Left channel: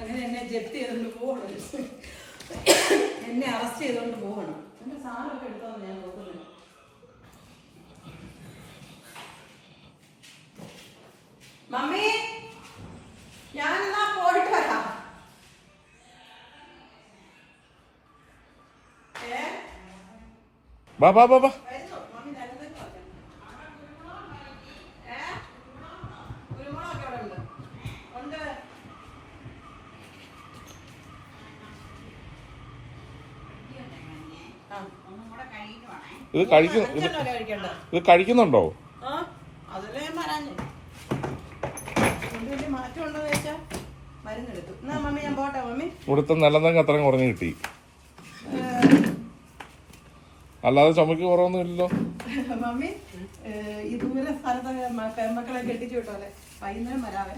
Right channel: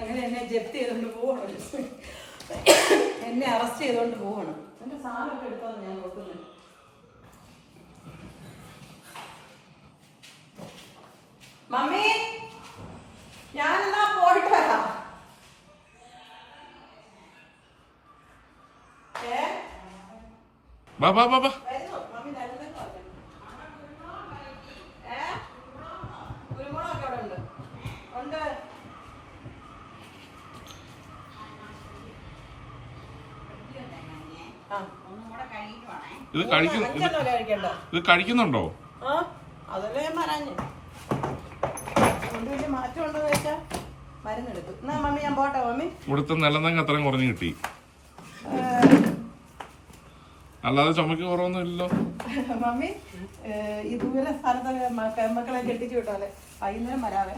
അങ്ങനെ എന്നെ ജപ്തി ചെയ്തുകൊണ്ട് പോകണം, എന്നെ അറസ്റ്റ് ചെയ്തുകൊണ്ട് പോകണം. എന്റെ സാധനമൊക്കെ എടുത്തോന്ന് ഞാൻ നോക്കുന്നത്. മമ്മി, ഞാനെന്നാ പോയിട്ട് വരാം. ബാ ബാ ബാ ബാ. കുരുമുളകൊക്കെ അവിടെ ഉണ്ട്. ഉണ്ട്. ഇത് കഴിക്കുന്നുണ്ടോ? അതല്ലേ ഞാൻ പറയാഞ്ഞേ. കൊണ്ട് വലിയ മാറ്റം ഉണ്ടോ ചോദിച്ചാ മരുന്നെടുത്തു. എന്നാ മമ്മി ഞാൻ പോട്ടെ. മമ്മി ഇവിടുത്തെ നിലന്തങ്ങ് അത്രയും കുറഞ്ഞു കിട്ടി, അല്ലാതെ ചുമക്ക് കുറവൊന്നും ഇല്ലല്ലോ. മമ്മി ഈ ദൂരെ സ്ഥലത്ത് മക്കളെ കെട്ടിച്ചു വിട്ടോലെ വൈകുന്നേരം വരാതെ.